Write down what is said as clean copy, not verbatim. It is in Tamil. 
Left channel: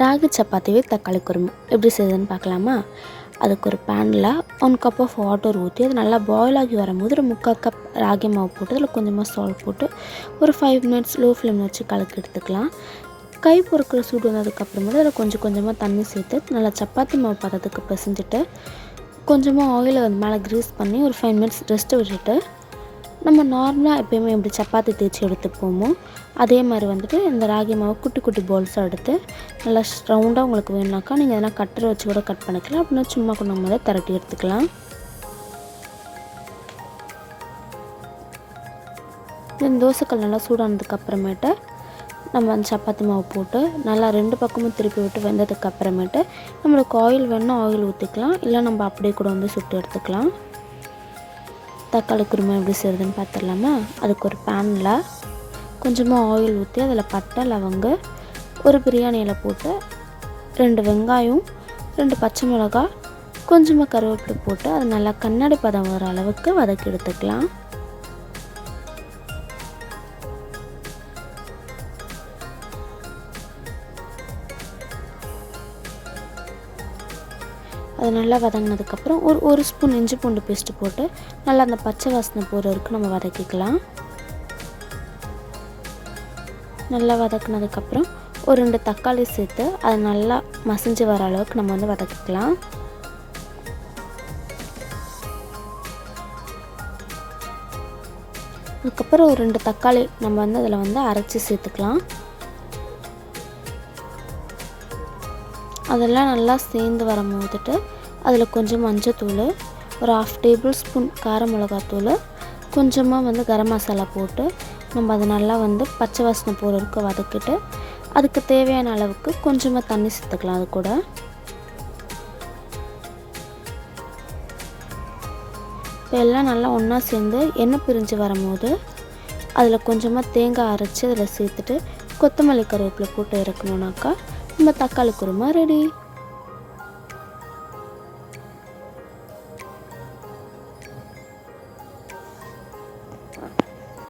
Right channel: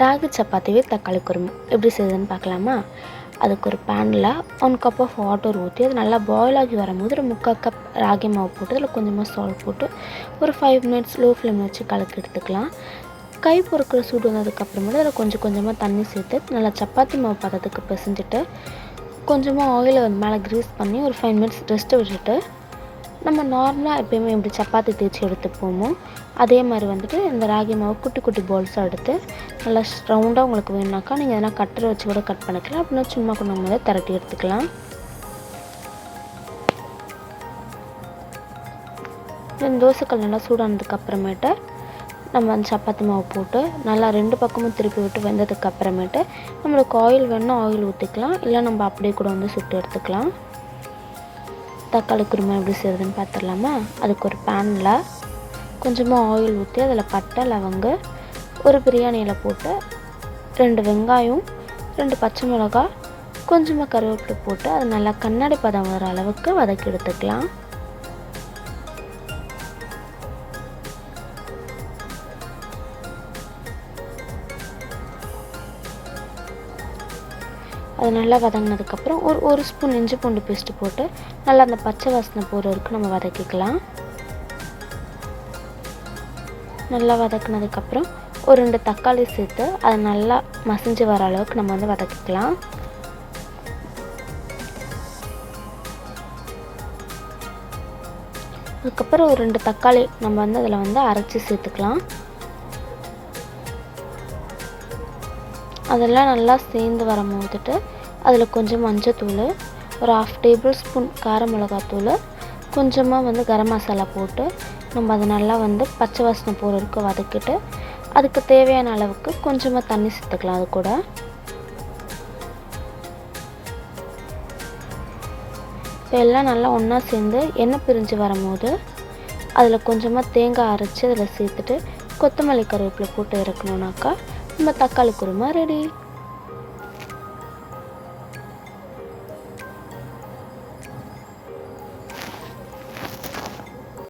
ராகி சப்பாத்திவே தக்காளி குருமா எப்படி செய்யுதுன்னு பார்க்கலாமா? அதுக்கு ஒரு பேனில் 1 கப் ஆஃப் வாட்டர் ஊற்றி அது நல்லா பாயில் ஆகி வரும்போது ஒரு 3/4 கப் ராகி மாவு போட்டு அதில் கொஞ்சமாக சால்ட் போட்டு ஒரு 5 மினிட்ஸ் லோ ஃப்ளேம் வச்சு கலக்கி எடுத்துக்கலாம். கை பொறுக்கிற சூடு வந்ததுக்கப்புறமேட்டு அதில் கொஞ்சம் கொஞ்சமாக தண்ணி சேர்த்து நல்லா சப்பாத்தி மாவு பதத்துக்கு பிசைஞ்சிட்டு கொஞ்சமாக ஆயிலை வந்து மேலே க்ரீஸ் பண்ணி ஒரு 5 மினிட்ஸ் ரெஸ்ட்டு விட்டுட்டு நம்ம நார்மலாக எப்போயுமே எப்படி சப்பாத்தி தேய்ச்சி எடுத்துப்போமோ அதே மாதிரி வந்துட்டு இந்த ராகி மாவு குட்டி குட்டி பால்ஸாக எடுத்து நல்லா ரவுண்டாக உங்களுக்கு வேணுனாக்கா நீங்கள் எதனா கட்டரை வச்சு கூட கட் பண்ணிக்கலாம். அப்படின்னா சும்மா கொஞ்சம் மேலே திரட்டி எடுத்துக்கலாம். இந்த தோசைக்கல் நல்லா சூடானதுக்கு அப்புறமேட்டு நம்ம அந்த சப்பாத்தி மாவு போட்டு நல்லா 2 பக்கமும் திருப்பி விட்டு வெந்ததுக்கு அப்புறமேட்டு நம்மளுக்கு ஆயில் வேணுன்னா ஆயில் ஊற்றிக்கலாம், இல்லை நம்ம அப்படியே கூட வந்து சுட்டு எடுத்துக்கலாம். தக்காளி குருமா எப்படி செய்கிறதுன்னு பார்த்துடலாமா? அதுக்கு ஒரு பேனில் கொஞ்சமாக ஆயில் ஊற்றி அதில் பட்டை லவங்கு ஒரு பிரியாணி இலை போட்டு 2 வெங்காயம் 2 பச்சை மிளகா கொஞ்சமாக கருவேப்பிலை போட்டு அது நல்லா கண்ணாடி பதம் வர அளவுக்கு வதக்கி எடுத்துக்கலாம். அது நல்லா வதங்கினதுக்கப்புறம் ஒரு ஸ்பூன் இஞ்சி பூண்டு பேஸ்ட்டு போட்டு நல்லா அந்த பச்சை வாசனை போகிற வரைக்கும் நம்ம வதக்கிக்கலாம். நல்லா வதக்கினதுக்கப்புறம் ஒரு 2 தக்காளி சேர்த்து அதை நல்லா மசிஞ்சு வர அளவுக்கு நம்ம வந்து வதக்கிக்கலாம். அதுக்கப்புறம் ஒரு 2 தக்காளி நம்ம வந்து அதில் வந்து அரைச்சி சேர்த்துக்கலாம். அதெல்லாம் நல்லா சேர்ந்து வரும்போதுட்டு அதில் கொஞ்சம் மஞ்சத்தூள், ஒரு 1/2 டேபிள் ஸ்பூன் கார மிளகாத்தூள், கொஞ்சமாக வந்து கரம் மசாலா போட்டு நம்ம அதை நல்லா வந்து பச்சை வாசனை போகிற வரைக்கும் வதக்கிட்டு அதுக்கு தேவையான அளவுக்கு கொஞ்சமாக தண்ணி சேர்த்துக்கலாம். அது கூட இப்போ எல்லாம் நல்லா ஒன்றா சேர்ந்து எண்ணெய் பிரிஞ்சு வரும்போது அதில் கொஞ்சமாக தேங்காய் அரைச்சி அதில் சேர்த்துட்டு கொத்தமல்லி கருவேப்பிலை போட்டு இறக்கணுன்னாக்கா நம்ம தக்காளி குருமா ரெடி.